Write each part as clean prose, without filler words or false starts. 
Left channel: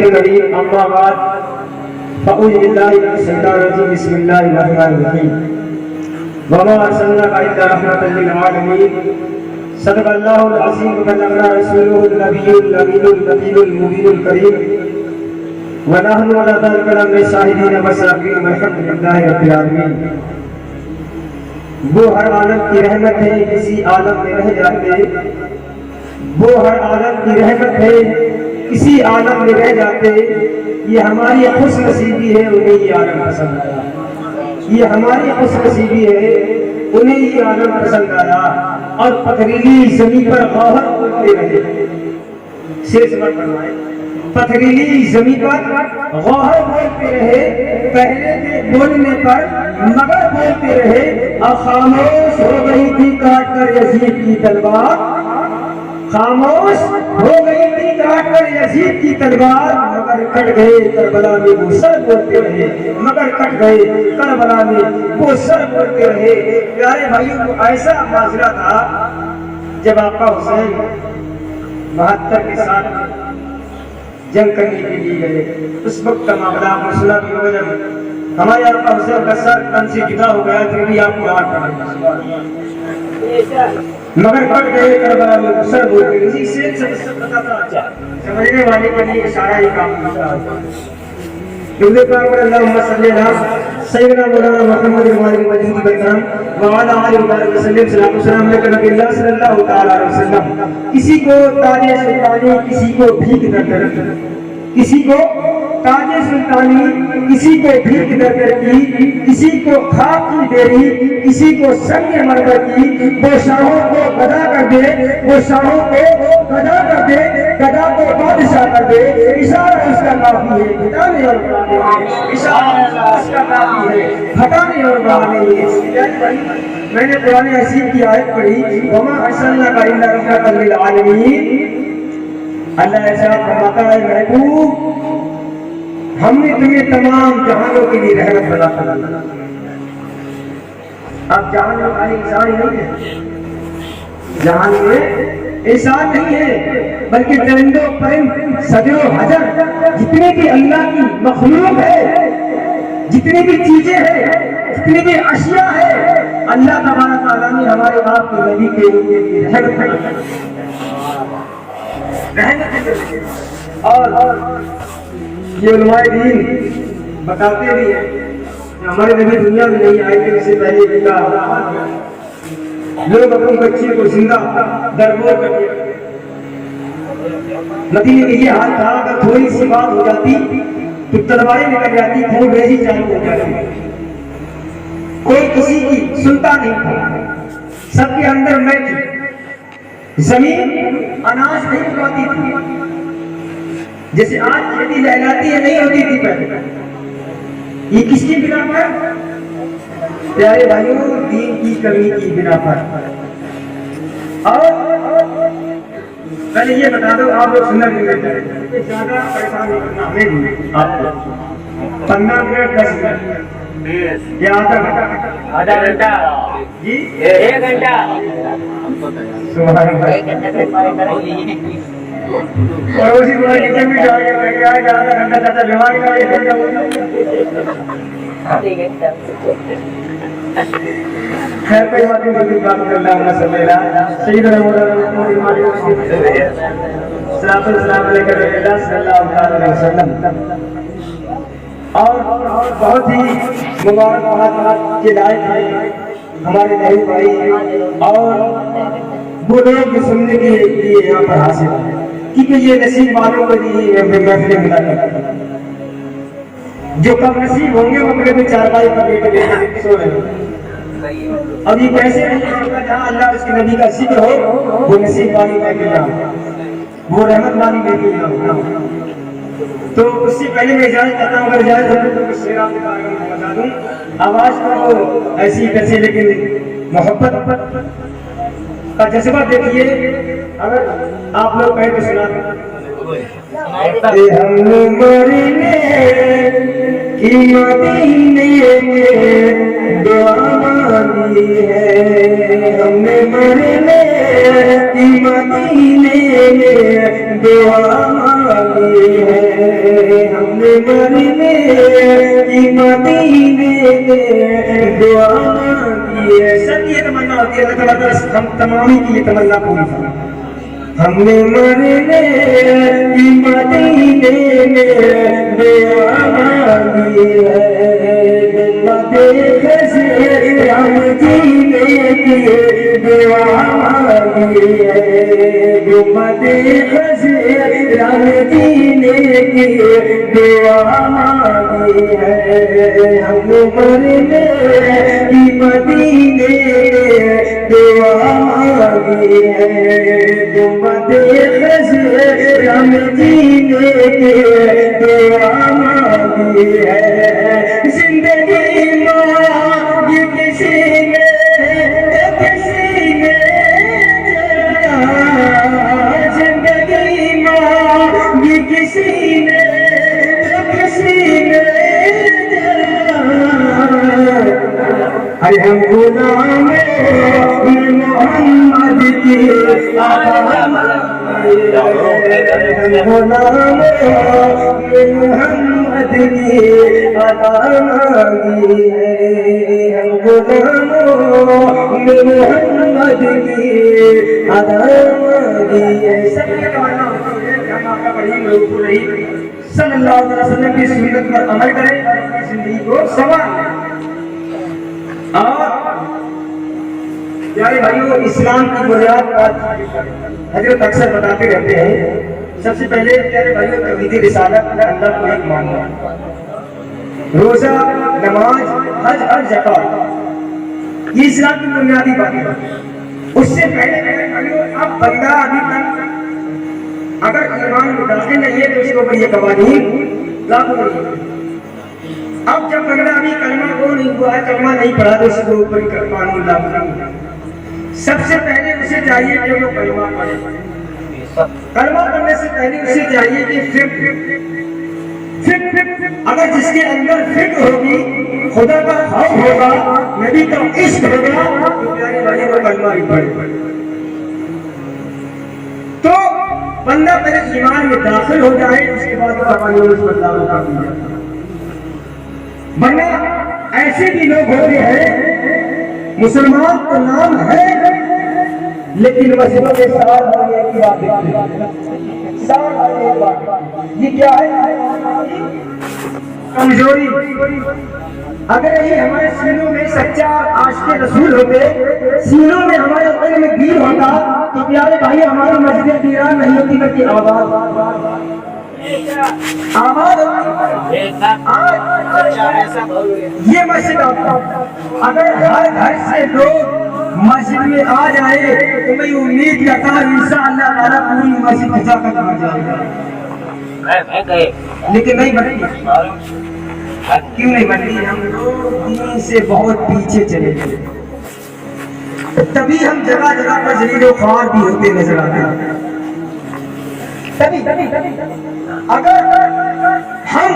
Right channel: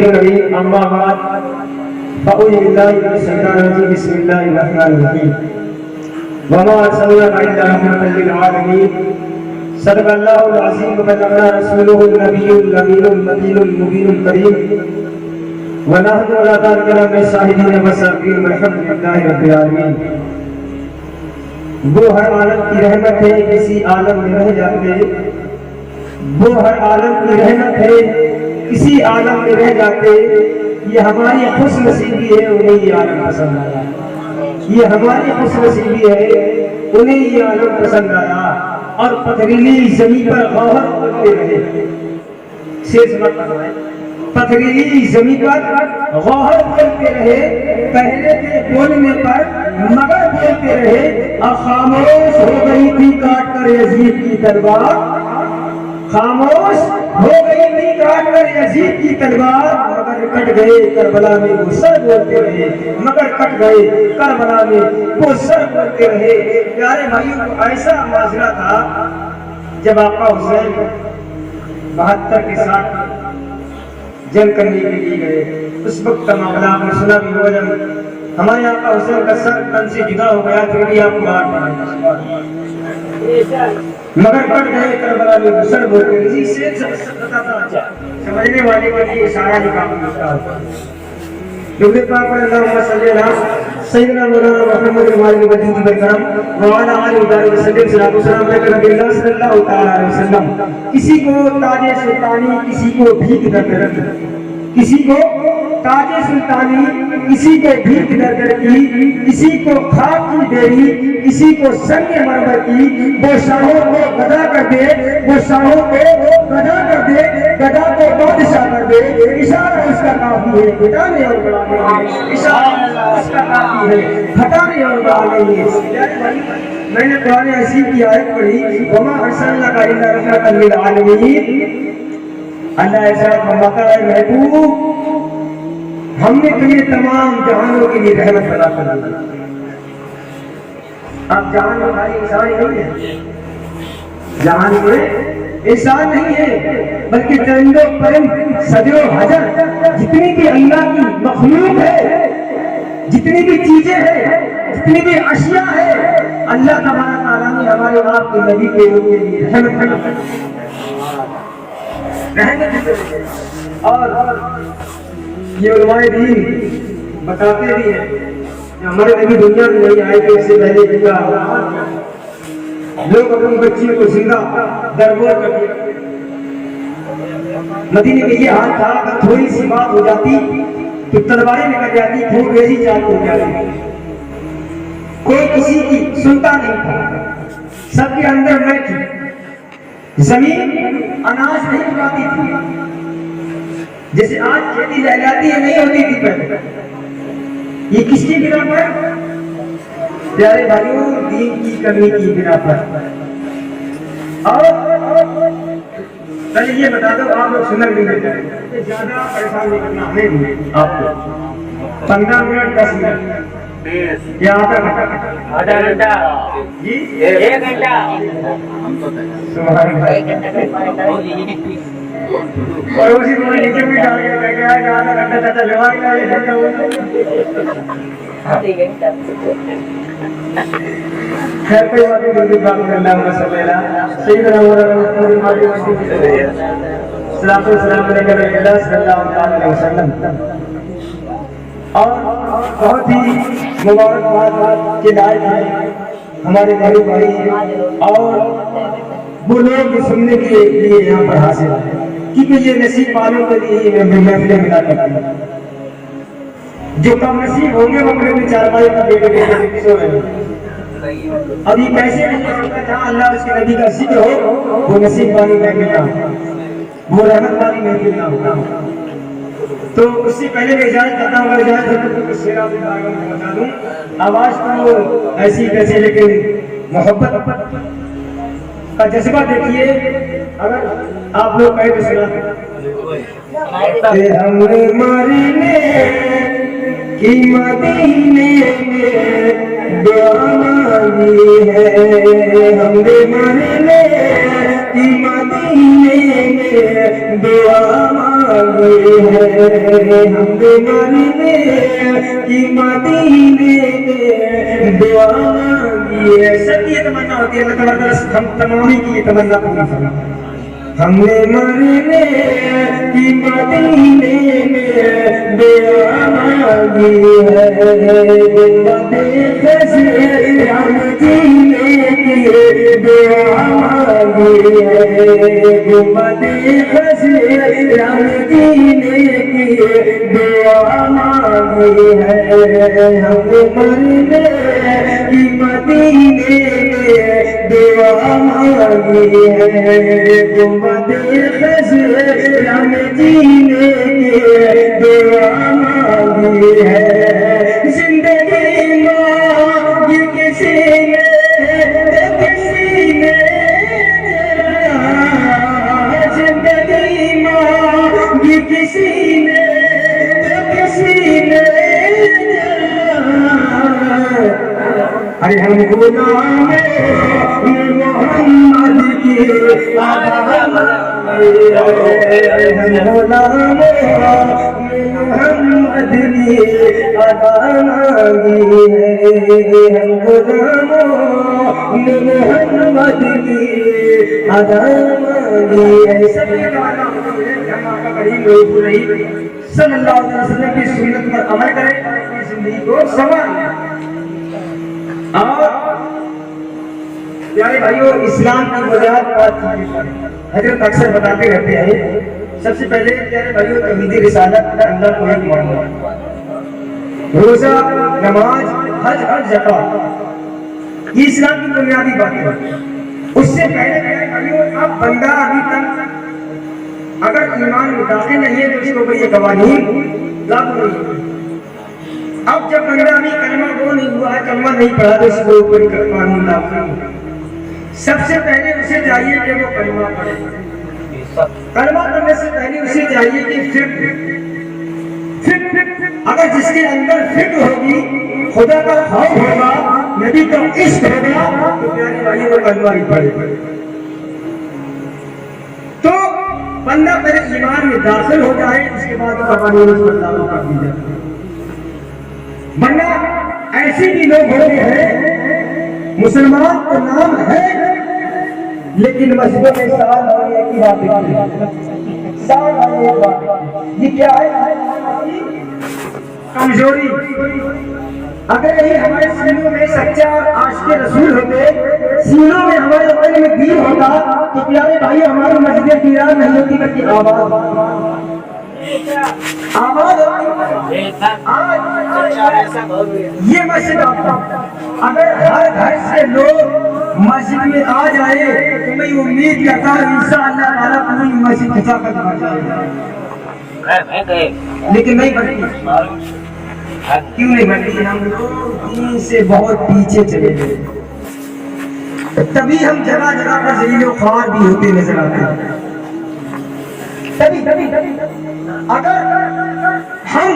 الكريم أما بعد فأعوذ بالله من الشيطان الرجيم بسم الله الرحمن الرحيم وما أرسلناك إلا رحمة للعالمين صدق الله العظيم وبلغنا رسوله النبي الأمين المكين المبين الكريم ونحن على ذلك من الشاهدين والشاكرين والحمد لله رب العالمين. وہ ہر عالم کی رحمت ہے کسی عالم میں رہ جاتے، وہ ہر عالم کی رحمت ہے کسی عالم میں رہ جاتے. یہ ہماری خوش نصیبی ہے انہیں یہ عالم پسند آیا، یہ ہماری خوش نصیبی ہے انہیں یہ عالم پسند آیا. اور پتھریلی زمین پر غوہر بولتے رہے، شیش مت فرمائے، پتھریلی زمین پر غوہر بولتے رہے، پہلے تھے بولنے پر مگر بولتے رہے. اور خاموش ہو گئی تھی کاٹ کر یزید کی تلوار، خاموش ہو گئی تھی کاٹ کر یزید کی تلوار. مگر کٹ گئے کربلا میں وہ سر بولتے رہے، مگر کٹ گئے کربلا میں وہ سر بولتے رہے. پیارے بھائیوں کو ایسا معاشرہ تھا جب آقا حسین 72 کے ساتھ جنگ کرنے کے لیے گئے. اس وقت کا معاملہ آپ نے سنا بھی ہوگا، جب ہمارے آقا حسین کا سر تن سے جدا ہو گیا پھر بھی آپ قرآن پڑھیں. مگر کٹ گئے کربلا میں وہ سر بولتے رہے. اس سے پتا تھا سمجھنے والے کے لیے اشارہ ہی کام کرتا ہے. درود پاک پر اللہم صلی علی سیدنا مولانا محمد وعلی وجود برکرام وعلی آلہ وسلم. صلاۃ و سلام علیہ نبی اللہ صلی اللہ تعالی علیہ وسلم. کسی کو تاج سلطانی، کسی کو بھیک در در کی، کسی کو تاج سلطانی، کسی کو بھیک در در کی، کسی کو خاک کی دیری، کسی کو سنگ مرمر کی. وہ شاہوں کو گدا کر دے، وہ شاہوں کو گدا کر دے، گدا کو بادشاہ کر دے. اشارہ اس کا کافی ہے گھٹانے اور بڑھانے میں، اشارہ اس کا کافی ہے گھٹانے اور بڑھانے میں. میں نے قرآن حکیم کی آیت پڑھی وما ارسلناک الا رحمۃ للعالمین. اللہ ایسا فرماتا ہے محبوب ہم نے تمہیں تمام جہانوں کے لیے رحمت بنا کر دیا. اب جہان میں خالی انسان ہی نہیں ہے، جہان میں انسان نہیں ہے بلکہ چرند و پرند سجر و حجر جتنی بھی اللہ کی مخلوق ہے، جتنی بھی چیزیں ہیں، جتنی بھی اشیاء ہے، اللہ تبارک تعالیٰ نے ہمارے آپ کے نبی کے لیے رحمت بنا کر رحمت. اور یہ علماء دین بتاتے بھی ہیں کہ ہمارے نبی دنیا میں نہیں آئے کہ اس سے پہلے لوگ اپنی بچی کو زندہ دربور کر دیا. مدینے میں یہ حال تھا اگر تھوڑی سی بات ہو جاتی تو تلواریں نکل جاتی، خون ریزی چال ہو جاتی، کوئی کسی کی سنتا نہیں تھا. سب کے اندر میں تھی، زمین اناج نہیں اگاتی تھی جیسے آج کھیتی لہلاتی ہے، نہیں ہوتی تھی پہلے. یہ کس کی بنا پر؟ پیارے بھائیوں دین کی کمی کی بنا پر. اور پہلے یہ بتا دو آپ لوگ سنت نہیں دیتے زیادہ پریشان نہیں کرنا ہمیں بھی، آپ کو 15 منٹ 10 منٹ یا آدھا گھنٹہ جی 1 گھنٹہ اور اسی طرح نیچے بھی ڈال کے کیا ہے کہ آدھا گھنٹہ چاچا جوان کا 1 گھنٹہ ہو جائے. خیر کوئی بات نہیں. درود پاک پر اللہم صلی علی سیدنا مولانا محمد وعلی وسلم. صلاۃ و سلام علیہ نبی اللہ صلی اللہ علیہ وسلم. اور بہت ہی مبارکباد کے لائق ہیں ہمارے نہرو بھائی اور وہ لوگ جو سننے کے لیے یہاں پر حاصل ہیں، کیونکہ یہ نصیب والوں کے لیے محفلیں ملا کرتی ہیں. جو کم نصیب ہوں گے وہ اپنے میں چارپائی پر لے کے سو رہے ہیں. اب یہ کیسے نہیں ہوگا جہاں اللہ اس کے نبی کا ذکر ہو وہ نصیب والی محفل نہ ہو، وہ رحمت والی محفل نہ ہو. تو اس سے پہلے میں اجازت چاہتا ہوں، اگر اجازت ہے تو شعر آپ کے بارے میں بتا دوں. آواز تو ایسی تیسی لیکن محبت کا جذبہ دیکھیے. اگر آپ لوگ کہیں تو سنا دیں کہ ہم نے مرنے کی مدینے میں دعا مانگی ہے، ہم نے مرنے کی مدینے میں دعا مانگی مانگی ہے ہم نے مرنے کی مدینے میں دعا مانگی ہے. سب یہ تمنا ہوتی ہے اللہ تعالیٰ ہم تمامی کی یہ تمنا پوری فرمائے. ہم نے مرنے کی مدینے میں دعا مانگی ہے گنبد خضرام جینے کی دعا مانگی ہے گنبد خضرام جینے کی دعا مانگی ہے. ہم نے مرنے کی مدینے میں دعا مانگی ہے گنبد خضرام جینے کی دعا مانگی ہے. زندگی مانگی کسی نے کسی نے زندگی مانگی کسی نے کسی نے ارے ہم غلام محمد کی ہم غلام محمد کی ادا مانگی ہے. ہم غلام محمد کی ادا مانگی ہے. سب یہ تمنا ہوتی ہے کہ ہم آقا کریم صلی اللہ علیہ وسلم کی سنت پر عمل کریں اپنی زندگی کو سنواریں. اور پیارے بھائیوں اسلام کی بنیاد پانچ چیزیں ہیں. حضرت اکثر بتاتے رہتے ہیں سب سے پہلے پیارے بھائیوں توحید رسالت اللہ کو ایک ماننا, روزہ نماز حج اور زکات یہ اسلام کی بنیادی باتیں ہیں. اس سے پہلے پیارے بھائیوں اب بندہ ابھی تک اگر ایمان میں داخل نہیں ہے تو اس کے اوپر یہ قوانین لاگو نہیں ہے. اب جب بندہ ابھی کلمہ وہ نہیں ہوا ہے کلمہ نہیں پڑھا تو اس کے اوپر قانون لاگو نہیں ہے. سب سے پہلے اسے چاہیے کہ وہ کلمہ پڑھے. کلمہ پڑھنے سے پہلے اسے چاہیے کہ فکر اگر جس کے اندر فکر ہوگی خدا کا خوف ہوگا نبی کا عشق ہوگا تو پیارے بھائی وہ کلمہ بھی پڑھے. تو بندہ پہلے ایمان میں داخل ہو جائے اس کے بعد قوانین اس پر لاگو کر دی جائے. ورنہ ایسے بھی لوگ ہوتے ہیں مسلمان تو نام ہے لیکن مسجدوں میں سال بھر ایک ہی بات دیکھتے ہیں. سال بھر ایک بات یہ کیا ہے کمزوری. اگر یہی ہمارے سینوں میں سچا عاشق رسول ہوتے سینوں میں ہمارے دل میں دین ہوتا تو پیارے بھائی ہماری مسجدیں ویران نہیں ہوتی بلکہ آباد یہ مسجد اگر ہر گھر سے لوگ مسجد میں آ جائے تو میں امید کرتا ہوں انشاءاللہ تعالیٰ پوری مسجد کھچا کر بھر جائے گا. لیکن نہیں بنتی. کیوں نہیں بنتی؟ ہم لوگ دین سے بہت پیچھے چلے گئے. تبھی ہم جگہ جگہ پر ذلیل و خوار بھی ہوتے نظر آتے ہیں. اگر ہم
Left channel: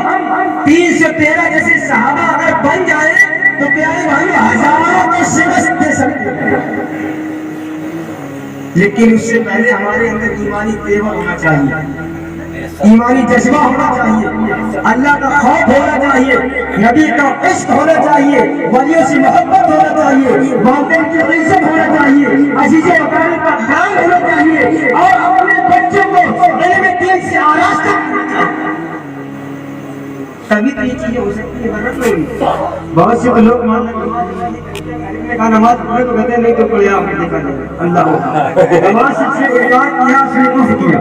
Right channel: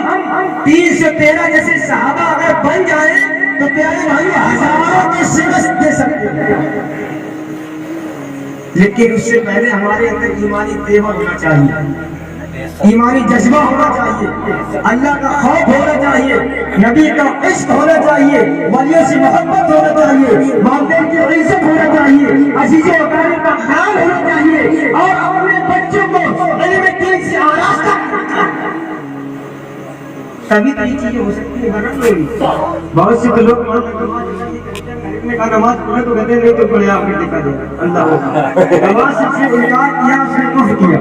3 سے 13 جیسے صحابہ اگر بن جائے تو پیارے بھائی ہزاروں کو شکست دے سکتے ہیں. لیکن اس سے پہلے ہمارے اندر ایمانی تیور ہونا چاہیے, ایمانی جذبہ ہونا چاہیے, اللہ کا خوف ہونا چاہیے, نبی کا عشق ہونا چاہیے, ولیوں سے محبت ہونا چاہیے, والدین کی عزت ہونا چاہیے, عزیز و اقارب کا خیال ہونا چاہیے اور اپنے بچوں کو علم دین سے آراستہ تبھی تو یہ چیزیں ہو سکتی ہیں. برکت نہیں. بہت سے تو لوگ نے کہا نماز پڑھے تو کہتے ہیں نہیں تو پڑھے آپ نے دیکھا دے اللہ نماز سے انکار کیا اس نے کفر کیا.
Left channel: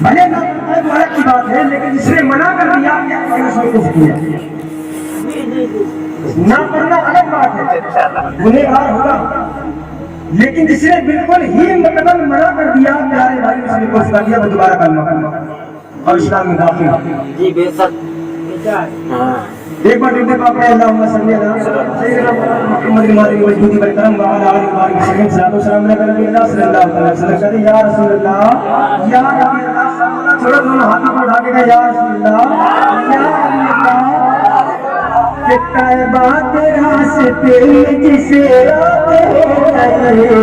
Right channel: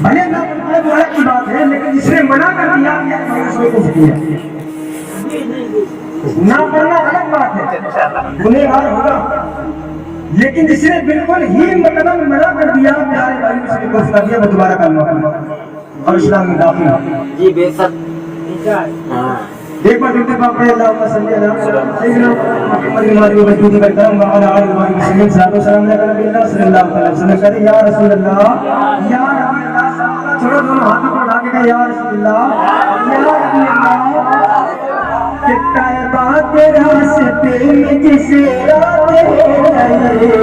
بھلے اللہ پڑھتا ہے وہ الگ کی بات ہے لیکن جس نے منع کر دیا اس نے کفر کیا. نہ پڑھنا الگ بات ہے گنہگار ہوگا لیکن جس نے بالکل ہی مطلب منع کر دیا پیارے بھائی اس نے کفر کر دیا. میں دوبارہ کلمہ پڑھوں اور اسلام میں داخل ہوں. جی بے شک. ایک بار ڈرتے پاپ میں اللہم صلی علی سیدنا محمد المادی و بجودی برکرم وعلا علی المادی وسلم صلاة و سلام علیکہ نبی اللہ صلی اللہ علیہ وسلم. کہتے یا رسول اللہ یا نبی اللہ. چھوڑا دونوں ہاتھوں کو اٹھا کے کہا یا رسول اللہ یا نبی اللہ. کہ طیبہ کے راستے میں جس رات ہو رہے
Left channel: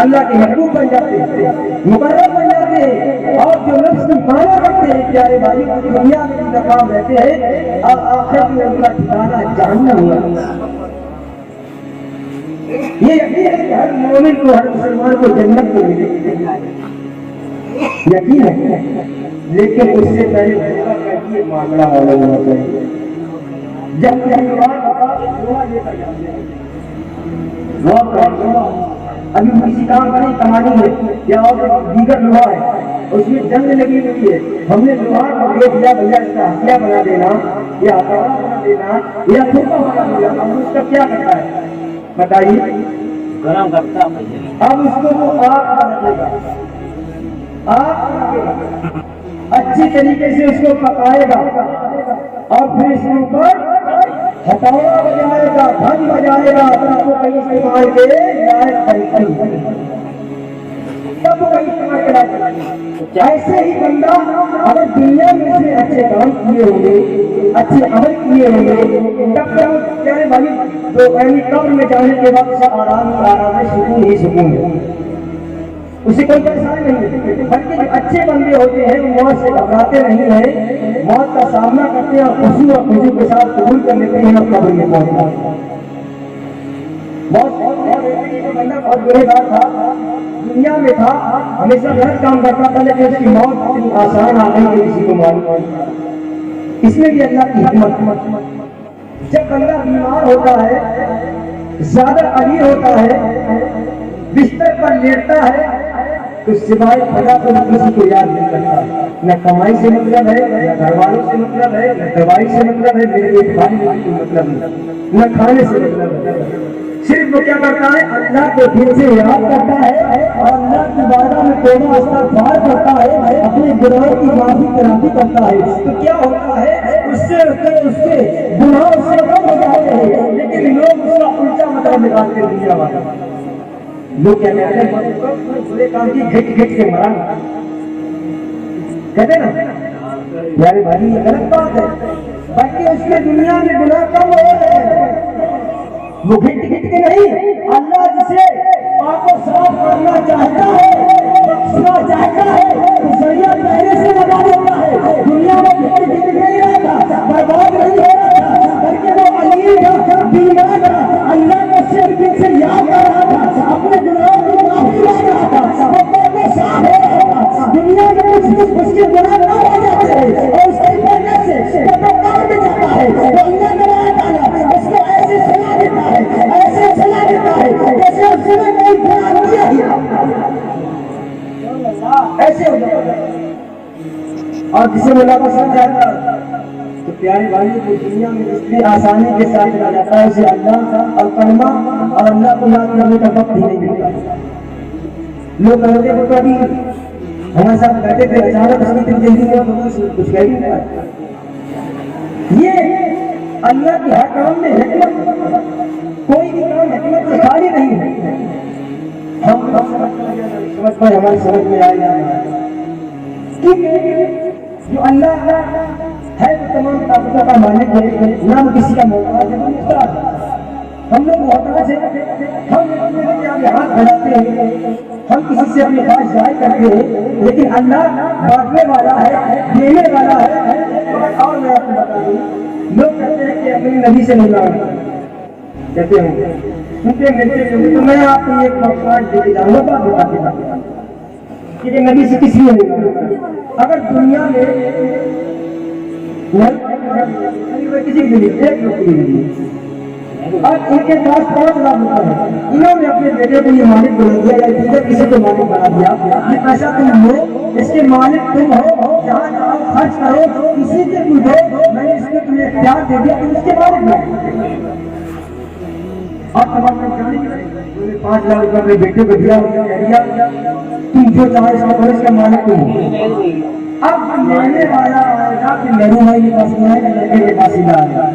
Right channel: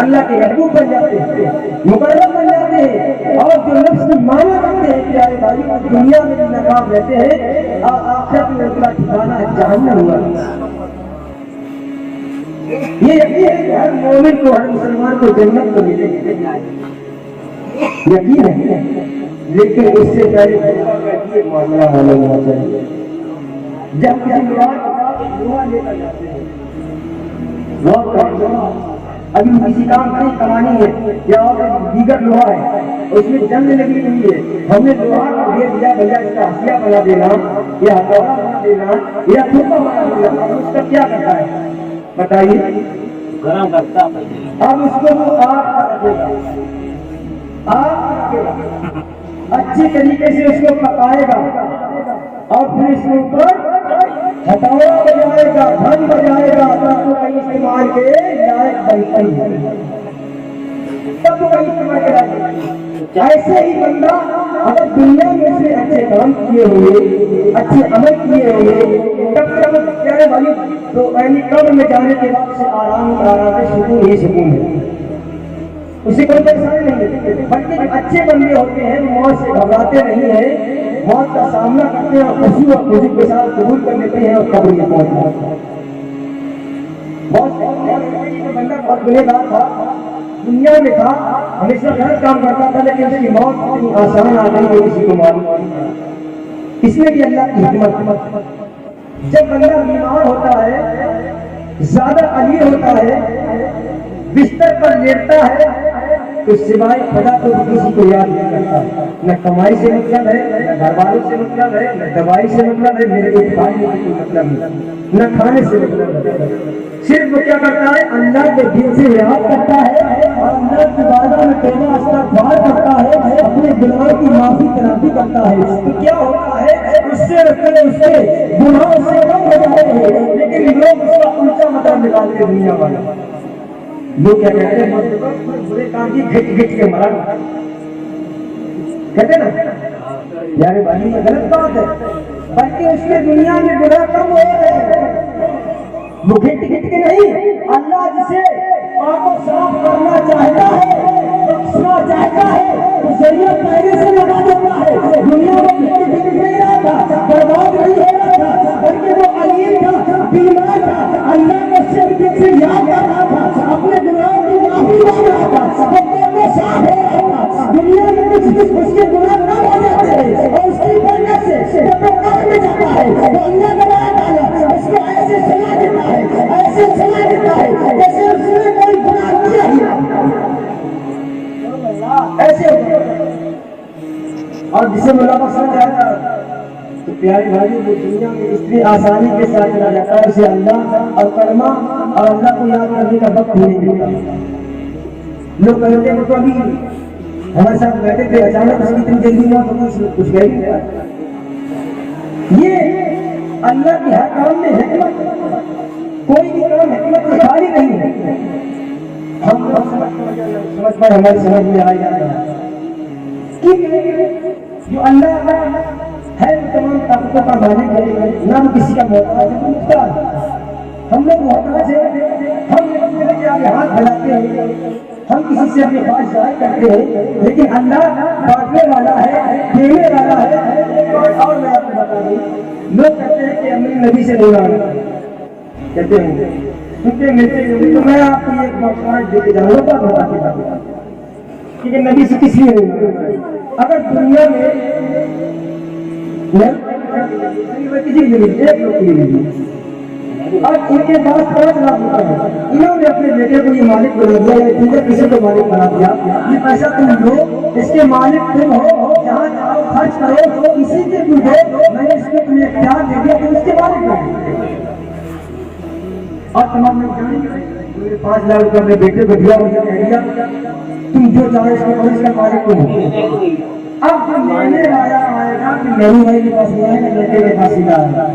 اللہ کے محبوب بن جاتے ہیں، مقرب بن جاتے ہیں، اور جو نفس کی مانا کرتے ہیں پیارے بھائی دنیا میں بھی ناکام رہتے ہیں اور آخرت میں ان کا ٹھکانہ جہنم ہوا۔ یہ یقین ہے کہ ہر مومن کو ہر مسلمان کو جنت کو ملے گی، یقین ہے، لیکن اس سے پہلے موقع کا یہ معاملہ معلوم ہونا چاہیے۔ جب کسی لوہا لے کر جاتے ہیں، ابھی کسی کام کا نہیں کمانی ہے یا اور دیگر لوہا ہے، اس میں جنگ لگی ہوئی ہے، ہم نے لوہا کو دے دیا بھیا اس کا ہتھیار بنا دینا یا ہتھوڑا بنا دینا یا کھوپا بنا دینا، اب اس کا کیا کرتا ہے بتائیے؟ گرم کرتا ہے، اب اس کو وہ آگ رکھے گا، آگ رکھے گا، اچھی طریقے سے اس کو پکائے گا اور پھر اس کے اوپر ہتھوڑا بجائے گا، دھن بجائے گا، تب کو کہیں استعمال کے لائق بنتی ہے، تب کو کہیں استعمال کے لائق بنتی ہے۔ ایسے ہی بندہ اگر دنیا میں سے اچھے کام کیے ہوئے، اچھے عمل کیے ہوئے، تب تک کیا ہے بھائی تو یعنی قبر میں جانے کے بعد سے آرام ہی آرام ہے، سکون ہی سکون ہے، اسے کوئی پریشانی نہیں ہے، بلکہ جو اچھے بندے ہوتے ہیں وہ موت سے گھبراتے نہیں ہیں، موت کا سامنا کرتے ہیں اور خوشی اور خوشی کے ساتھ قبول کر لیتے ہیں اور قبر میں پہنچ جاتے ہیں۔ بہت بندہ بہت گنہگار تھا، دنیا میں تھا، ہمیشہ غلط کام کرتا تھا، لیکن اس کی موت اتنی آسان آ گئی کہ کسی کو معلوم نہیں۔ اس میں بھی اللہ کی حکمت، جب بندہ بیمار ہوتا ہے، زیادہ امیر ہوتا ہے، بستر پر لیٹتا ہے تو سوائے خدا کو کسی کو یاد نہیں کرتا، نہ کمائی سے مطلب ہے، نہ گھر والوں سے مطلب ہے، نہ دوائی سے مطلب ہے، میرے ایک بھائی میں کوئی مطلب نہیں، نہ کھانے سے مطلب ہے، صرف وہ کیا کرتا ہے اللہ کو دل سے یاد کرتا ہے اور اللہ کی بارگاہ میں توبہ استغفار کرتا ہے، اپنے گناہوں کی معافی تلافی کرتا ہے، تو کیا ہوتا ہے اس سے گناہ سے کم ہو جاتے ہیں، لیکن لوگ اس کا الٹا مطلب نکالتے ہیں، دنیا والے لوگ کیا کہتے ہیں برے کام کی گھٹ گھٹ کے مرا کہتے ہیں نا یار بھائی یہ غلط بات ہے، بلکہ اس کے دنیا میں گناہ کم ہو رہے ہیں، وہ گھٹ گھٹ کے نہیں، اللہ جسے پاک و صاف کرنا چاہتا ہے، بخشنا چاہتا ہے تو ذریعہ پہلے سے لگا دیتا ہے، دنیا میں گھٹ گھٹ نہیں رہا تھا، برباد نہیں ہو رہا تھا، بلکہ وہ علی تھا، بیمار تھا، اللہ کو صرف دل سے یاد کر رہا تھا، اپنے گناہوں کی معافی مانگ رہا تھا، وہ پاک و صاف ہو رہا تھا، دنیا میں کچھ اس کے گناہ نہ ہو جاتے ہیں اور اس کی برکت سے جب وہ قبر میں جاتا ہے تو اللہ تبارک تعالیٰ اس کو ایسے سلا دیتا ہے، ایسے سلا دیتا ہے جیسے اس نے کوئی گناہ کیا ہی ایسے ہو جاتا ہے۔ اور جسے اللہ کو سمجھ جاتا ہے تو پیارے بھائی وہ دنیا میں اتنی آسانی کے ساتھ چلا جاتا ہے، اسے اللہ اور کلمہ اور اللہ کو یاد کرنے کا وقت ہی نہیں ملتا۔ لوگ کہتے ہیں تو ابھی ہمارے ساتھ بیٹھے تھے، اچانک اس کی اتنی جلدی میں کچھ کہہ نہیں رہا۔ یہ اللہ کی ہر کام میں حکمت، کوئی بھی کام حکمت سے خالی نہیں ہے، ہم سمجھ پر ہماری سمجھ میں آئی جو اللہ ہے وہ تمام طاقتوں کا مالک ہے، نہ وہ کسی کا محتاج ہے، ہم لوگ محتاج ہیں، ہم آگے ہاتھ بڑھاتے ہیں، ہم کسی سے اپنی خواہش ظاہر کرتے ہیں، لیکن اللہ بانٹنے والا ہے، دینے والا ہے۔ ایک بات اور میں آپ کو بتا دوں، لوگ کہتے ہیں کہ میری نبی سے ملنا کہتے ہیں کیونکہ ملتے ہیں، تو میں آپ کو ایک موقع دے کے جاؤں گا، بتا کے بتا کہ نبی سے کس لیے ملنا۔ اگر دنیا میں کسی کے لیے ایک لوگ کے لیے نہیں، اور ان کے پاس 5 لاکھ روپے ہے، انہوں نے اپنے بیٹے کو یہ مالک بنا دیا یا دوسرے کسی کو مالک بنا دیا، یہ پیسہ تم لو، اس کے مالک تم ہو، جہاں چاہو خرچ کرو، کسی کے پوچھو، میں نے اس کو تمہیں اختیار دے دیا، تم اس کے مالک بنو۔ اور تمام لوگ جانیں گے تم نے 5 لاکھ روپے اپنے بیٹے کو دیا، کہہ دیا تم جو چاہو اس کا کرو، اس کا مالک تم ہو۔ اب جو لینے والا آئے گا کہ نہرو بھائی کے پاس نہیں آئے گا، لڑکے کے پاس سیدھا آئے گا،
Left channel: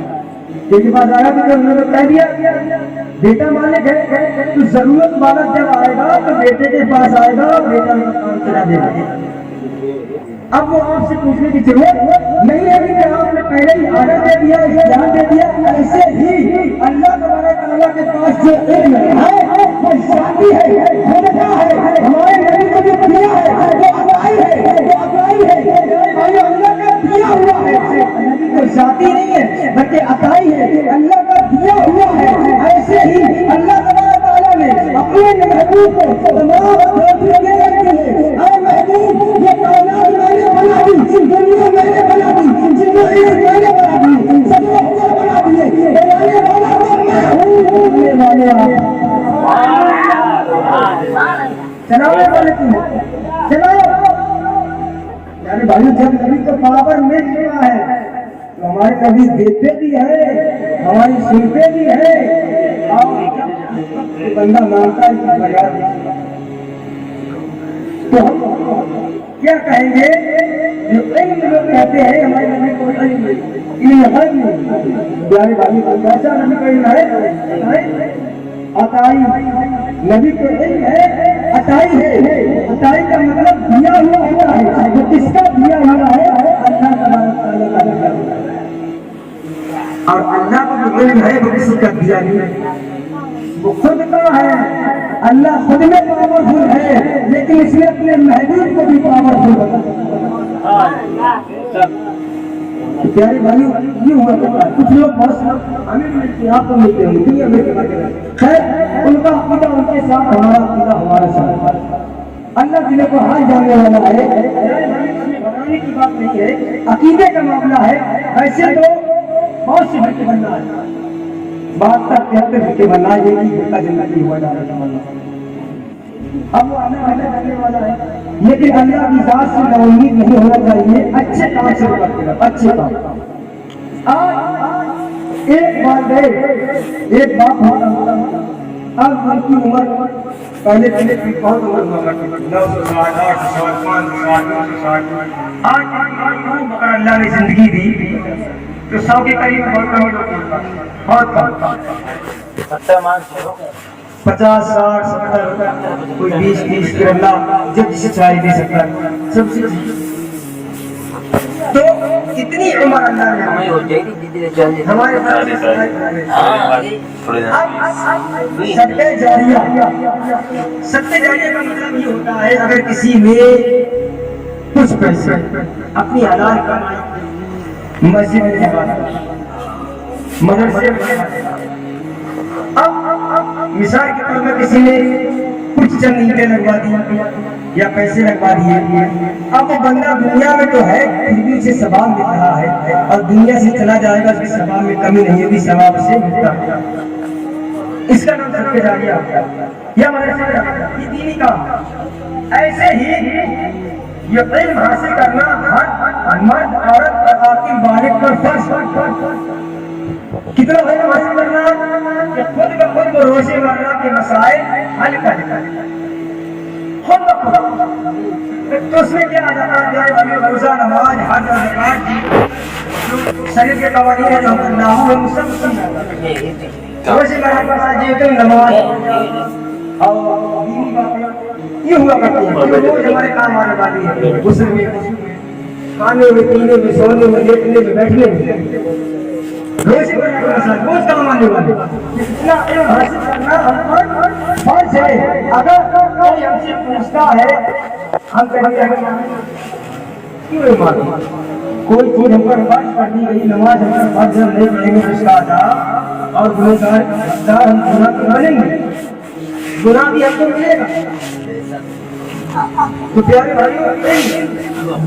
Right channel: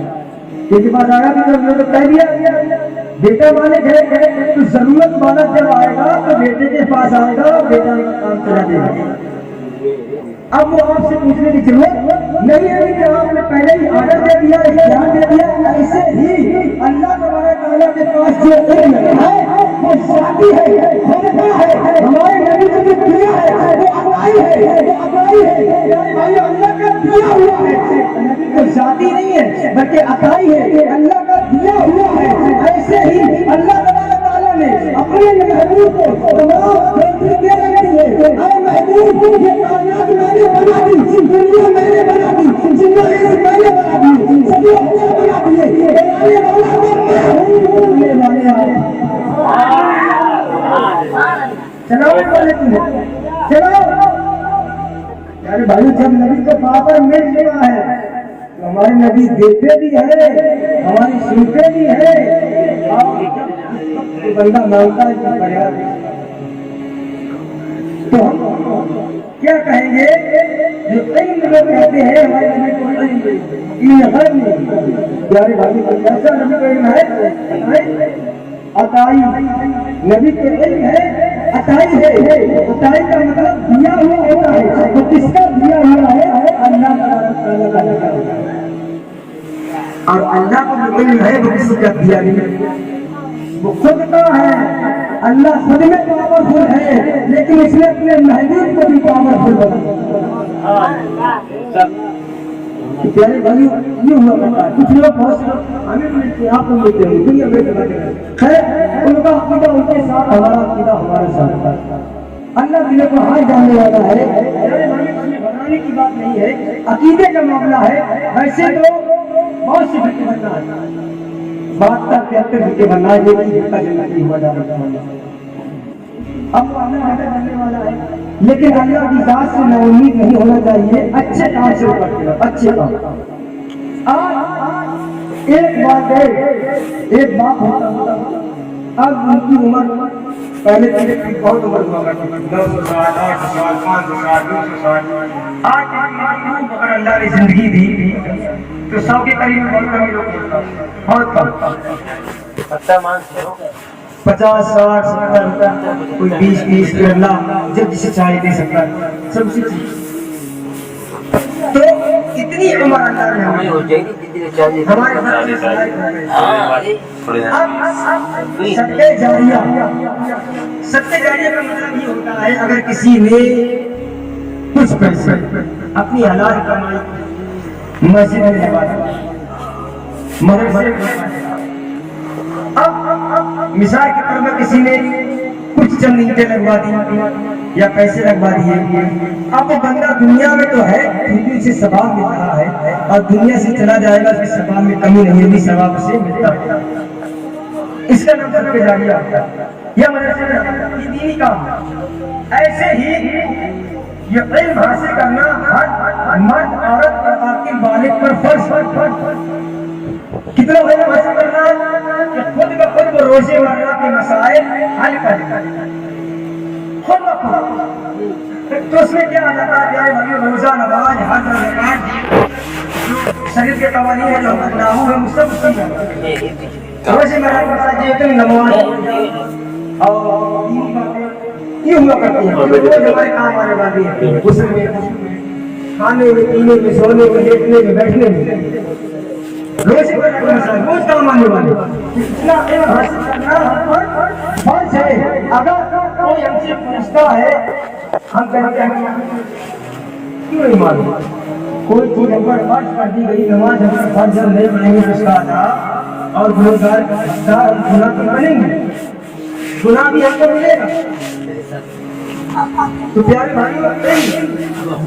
کے پاس آیا کہ انہوں نے کہہ دیا بیٹا مالک ہے، تو ضرورت والا جب آئے گا تو بیٹے کے پاس آئے گا، بیٹا کام چلا دے گا۔ اب وہ آپ سے پوچھنے کی ضرورت نہیں ہے کہ آپ نے پہلے ہی آرڈر دے دیا، اختیار دے دیا۔ ایسے ہی اللہ تبارک تعالیٰ کے پاس جو علم ہے وہ ذاتی ہے، خودتا ہے. ہمارے نبی کو جو دیا ہے وہ عطائی ہے، وہ عطائی ہے. بھائی اللہ کا دیا ہوا ہے، نبی کو ذاتی نہیں ہے بلکہ عطائی ہے، اللہ کا دیا ہوا ہے. ایسے ہی اللہ تبارک تعالیٰ نے اپنے محبوب کو تمام دے رکھی ہے. اے محبوب یہ کائنات میں نے بنا دی، دنیا میں نے بنا دی، زندگی میں نے بنا دی، سب لوگ بنا دیے. بنانے والا تو میں ہوں، بنانے والے چلانے والے تم چلاؤ. یار بھائی جب نبی کو پاور مل گیا ہے تو ہمارے نبی دیتے بھی ہیں، ہماری سنتے بھی ہیں. اور بندہ مانگتا ہے کہ فریاد تو ہم کیا کہیں گے؟ جو علم لوگ کہتے ہیں ہمارے نبی کو علم غیب نہیں. پیارے بھائی کیسا نبی کو علم ہے؟ عطائی. نبی کو علم ہے عطائی ہے. عطائی کا مطلب دیا ہوا ہوتا ہے. تو کس کا دیا ہوا ہے؟ اللہ تبارک تعالیٰ کا دیا ہوا ہے. اور اللہ کو جو علم ہے وہ کسی کا دیا نہیں ہے، وہ خود کا ہے. اللہ خود میں پاورفل ہے لیکن اس نے اپنے محبوب کو بھی پاورفل بنا. پیارے بھائیو یہ ہوا کرتا ہے. کچھ لوگ بہت سے لوگ ہمیں ملتے ہیں، آپ کو ملتے ہیں، دنیا میں خیر ان کا عقیدہ ان کے ساتھ، ہمارا عقیدہ ہمارے ساتھ. اللہ دل کو حال جاننے والا ہے. پیارے بھائیو اس میں گھبرانے کی بات نہیں ہے، عقیدے کا معاملہ ہے. ویسے تو بہت سی فرقے بننا ہے، 72-73 فرقے بننا ہے، ایک ہی فرقہ جنتی ہوا جانے کا مطلب ہے. اب وہ اللہ اللہ کرنے والا ہے لیکن اللہ کی ذات سے نا امید نہیں ہونا چاہیے. اچھے کام سے کرتے رہو، اچھے کام. آج ایک والدین ایک باپ ہوتا، اب ان کی عمر پہلے بہت عمر ہوا کرتی تھی، 900 سال، 800 سال، 500 سال، 200 سال. آج اگر اللہ نے زندگی دی تو 100 کے قریب بہت کم لوگ ہوتا، بہت کم. 50 60 70 کوئی 20 پھر اللہ جب جسے چاہے دے سکتا ہے سب سے. تو اتنی عمر اللہ نے ہمارے صدقہ جاریہ. صدقہ جاریہ کا مطلب یہ ہوتا ہے اگر کسی نے کچھ پیسے اپنی حلال کمائی مسجد میں لگا دیا، مدرسے میں. اب مثال کے طور پر کسی نے کچھ چند اینٹیں لگوا دی یا پیسے لگوا دیے. اب وہ بندہ دنیا میں تو ہے پھر بھی اسے ثواب مل رہا ہے، اور دنیا سے چلا جائے گا اس کے ثواب میں کمی نہیں ہوگی، ثواب سے ملتا ہے. اس کا نام صدقہ جاریہ یا مدرسے میں یہ دینی کام. ایسے ہی یہ علم حاصل کرنا ہر مرد عورت اور عاقل بالغ پر فرض. کتنا علم حاصل کرنا کہ خود بخود وہ روزے مرہ کے مسائل حل کر خود بخود. تو اس میں کیا آ جاتا ہے پیارے بھائیو؟ روزہ، نماز، حج اور زکات جو شریعت کے قوانین ہیں جو ہم اللہ ہم سب روزے مرہ کے مسائل جو ہوتے ہیں، نماز اور دینی باتیں یہ ہوا کرتی ہیں جو ہمارے کام آنے والی ہے. غسل میں، کھانے میں، پینے میں، سونے میں، لیٹنے میں، بیٹھنے میں، روزے روز کام آنے والے. اتنا علم حاصل کرنا ہم پر فرض ہے. اگر کوئی ہم سے پوچھتا ہے ہم کہیں گے کیوں نہیں معلوم؟ کوئی چیز ہم پر فرض کر دی گئی، نماز ہم پر فرض ہم نہیں پڑھیں گے تو اس کا ادا اور گنہگار ہم گناہ پر بنیں گے، گناہ بھی ہم کو ملے گا. تو پیارے بھائیو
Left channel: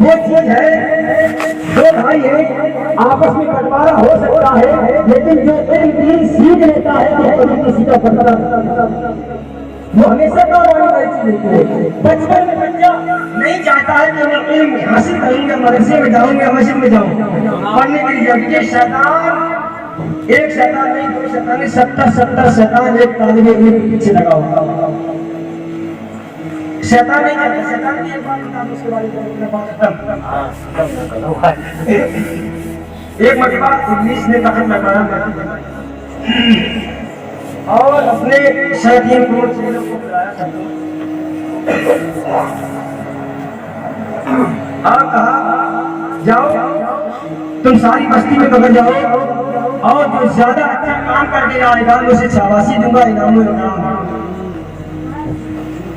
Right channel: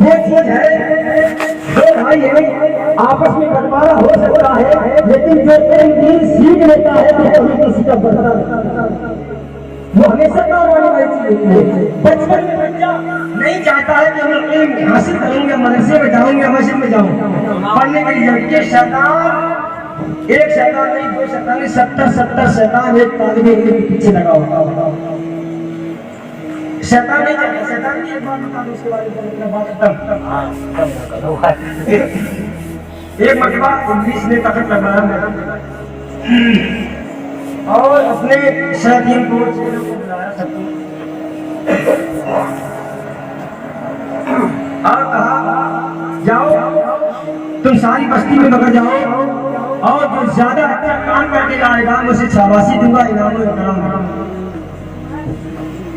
وہ چیز ہے، دو بھائی ہیں آپس میں بٹوارا ہو سکتا ہے لیکن جو علم دین سیکھ لیتا ہے تو کبھی کسی کا بٹوارا وہ ہمیشہ کام آنے والی چیز ہوتی ہے. بچپن میں بچہ نہیں چاہتا ہے کہ میں علم حاصل کروں گا، مدرسے میں جاؤں گا، مسجد میں جاؤں پڑھنے کے لیے. کہ شیطان ایک شیطان نہیں، دو شیطان نہیں، 70 شیطان ایک طالب علم کے پیچھے لگا ہوتا. شیطان نہیں چاہتا. شیطان کی ایک بات بتا دوں اس کے بارے میں اپنا بات ختم. ایک مرتبہ ابلیس نے تخت لگوایا اور اپنے شیاطین کو چیلوں کو بلایا اور کہا جاؤ تم ساری بستی میں بگڑ جاؤ اور جو زیادہ اچھا کام کر کے آئے گا میں اسے شاباشی دوں گا، انعام و اکرام دوں گا.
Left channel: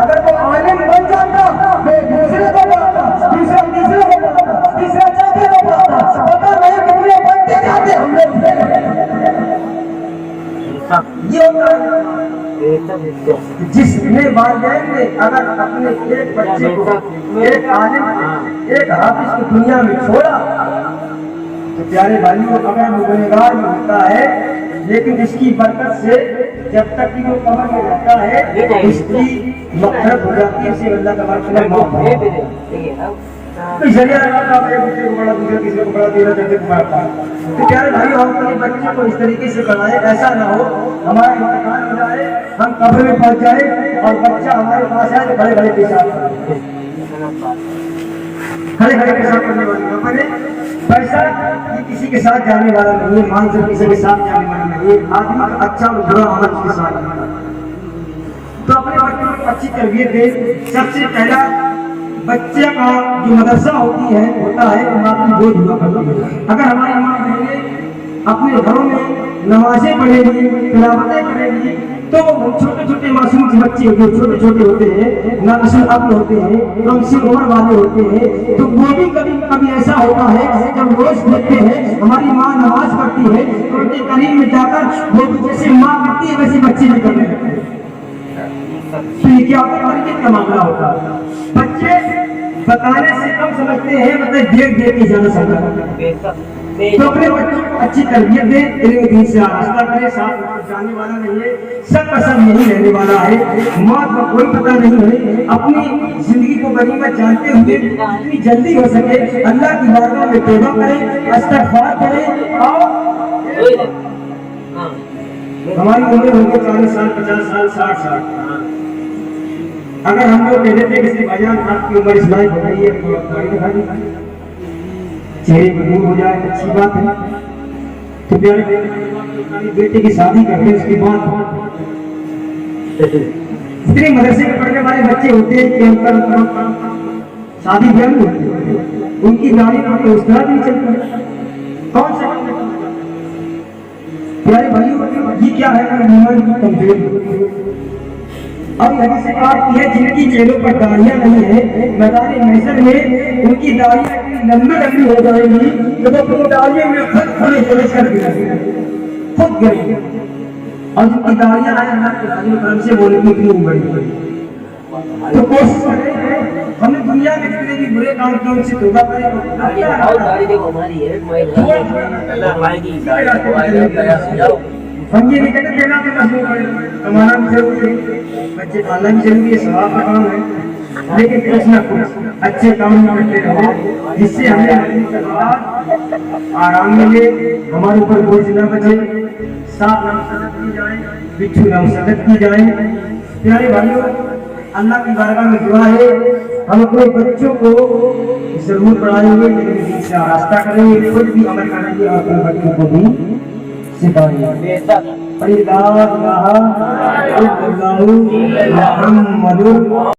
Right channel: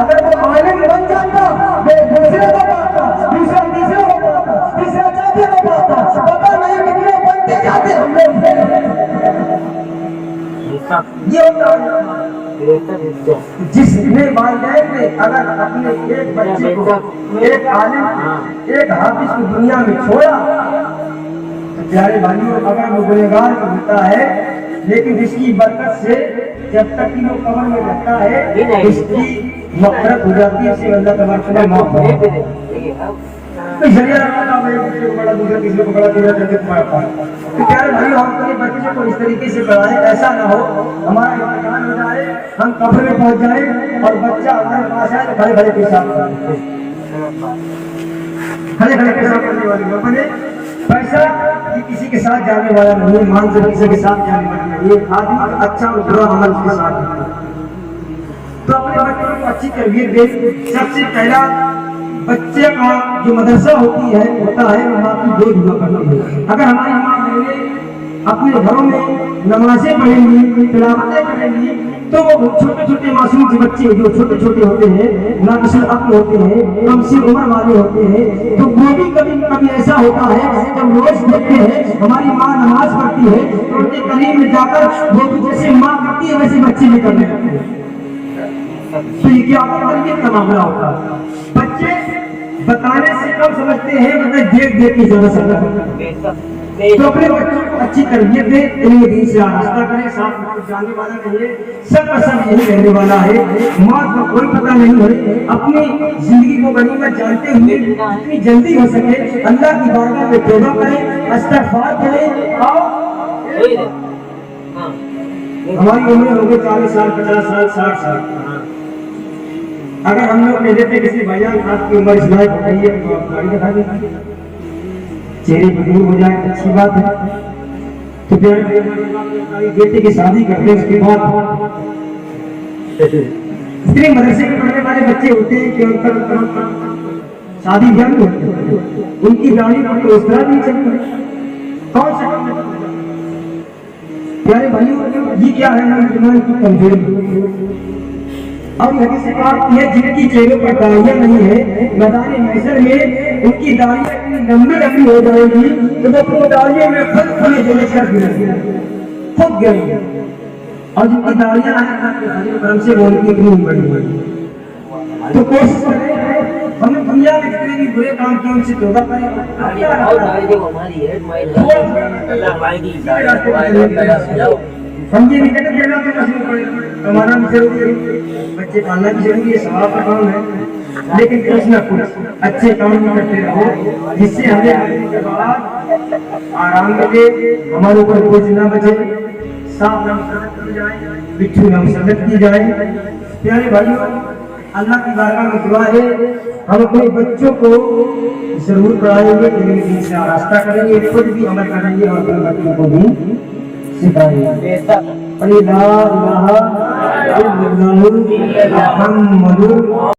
اگر وہ عالم بن جاتا وہ دوسرے کو پڑھاتا، دوسرا تیسرے کو پڑھاتا، تیسرا چوتھے کو پڑھاتا، پتہ نہیں کتنے بنتے جاتے ہم لوگ۔ یہ ہوتا ہے جس نے والدین نے اگر اپنے ایک بچے کو، ایک عالم کو، ایک حافظ کو دنیا میں چھوڑا تو پیارے بھائیوں اگر وہ گنہگار میں ہوتا ہے لیکن اس کی برکت سے جب تک کہ وہ قبر میں رہتا ہے اس کی مغفرت ہو جاتی ہے، اسے اللہ تبارک و تعالیٰ معاف کرے۔ کوئی ذریعہ لگاتا ہے دوسرے کو بڑا، دوسرا کسی کو بڑا، تیرا چلتے کو بڑا۔ تو پیارے بھائی ہم اپنے بچے کو اس طریقے سے پڑھائیں ایسا نہ ہو ہمارا امتحان ہو جائے، ہم قبر میں پہنچ جائیں اور بچہ ہمارے پاس آئے تو کھڑے کھڑے پیشاب کرے، کھڑے کھڑے پیشاب کرنے والی نہ بنے۔ پیسہ یہ کسی کے ساتھ جانے والا نہیں ہے، مان سے کسی کے ساتھ جانے والا نہیں ہے، آدمی اچھا اور برا عمل کے ساتھ ہے۔ تو اپنے بچوں کو اچھی تربیت دیں۔ سب سے پہلا بچے کا جو مدرسہ ہوتا ہے ماں کی گود ہوا کرتی ہے۔ اگر ہماری ماں بہنیں اپنے گھروں میں نمازیں پڑھیں گی، تلاوتیں کریں گی تو وہ چھوٹے چھوٹے معصوم بچے جو چھوٹے چھوٹے ہوتے ہیں، ناقص العقل ہوتے ہیں، کم سی عمر والے ہوتے ہیں، تو وہ بھی کبھی کبھی ایسا ہوتا ہے جب روز دیکھتے ہیں ہماری ماں نماز پڑھتی ہے تو ان کے قریب میں جا کر وہ بھی جیسے ماں کرتی ہے ویسے بچے بھی کرنے لگتے ہیں۔ تو یہ کیا تربیت کا معاملہ ہوتا ہے۔ بچے بتانے سے کم سمجھتے ہیں، مطلب دیکھ دیکھ کے زیادہ سمجھتے ہیں۔ تو اپنے بچوں کو اچھی تربیت دیں، علم دین سے آراستہ کریں، ساتھ جانے والا نہیں ہے، سب کا سب یہی رہنے والا ہے، موت کا کوئی پتہ نہیں ہے۔ اپنی زندگی کو غنیمت جانتے ہوئے جتنی جلدی ہو سکے اللہ کی بارگاہ میں توبہ کریں، استغفار کریں۔ اور ہماری عمر ہو گئی 40 سال، 50 سال، 60 سال، اگر ہم لوگ کہہ دیتے کسی بھائیان آپ کی عمر اس لائق ہو گئی ہے تو آپ گاڑی دکھا دیں، چہرے پہ دور ہو جائے اچھی بات ہے۔ تو پیارے بیٹے کی شادی کرتے ہیں، اس کے بعد اتنے مدرسے کے پڑھنے والے بچے ہوتے ہیں کہ ان پر شادی بیاہ نہیں ہوتی، ان کی داڑھی پر تو اس طرح بھی نہیں چلتا۔ کون سا پیارے بھائیوں یہ کیا ہے ہمارے ایمان کی کمزوری؟ اور یہ حدیث پاک ہے جن کی چہروں پر داڑیاں نہیں ہیں میدان محشر میں ان کی داڑیاں اتنی لمبی لمبی ہو جائیں گی کہ وہ اپنی داڑیوں میں خود کھلے جلس کر گریں گے، خود گریں گے۔ اور جن کی داڑیاں ہیں اللہ کے فضل و کرم سے وہ ان کی اتنی بڑی بڑی۔ تو کوشش کریں ہم نے دنیا میں جتنے بھی برے کام کیے ان سے توبہ کریں۔ ہم یہ نہیں کہتے دینا تو مضمون پڑے، کمانا بھی ضروری ہے، بچے پالنا بھی ضروری ہے، ثواب کا کام ہے، لیکن کچھ نہ کچھ اچھے کام بھی کرتے رہو جس سے ہمیں مرنے کے بعد آرام ملے، ہمارے اوپر بوجھ نہ بچے، سانپ نہ مسلط کی جائیں، بچھو نہ مسلط کی جائیں۔ پیارے بھائیوں اللہ کی بارگاہ میں دعا ہے ہم اپنے بچوں کو ضرور پڑھائیں گے، علم دین سے آراستہ کریں گے، خود بھی عمل کریں گے اور اپنے بچوں کو بھی سکھائیں گے۔ لا الہ الا اللہ محمد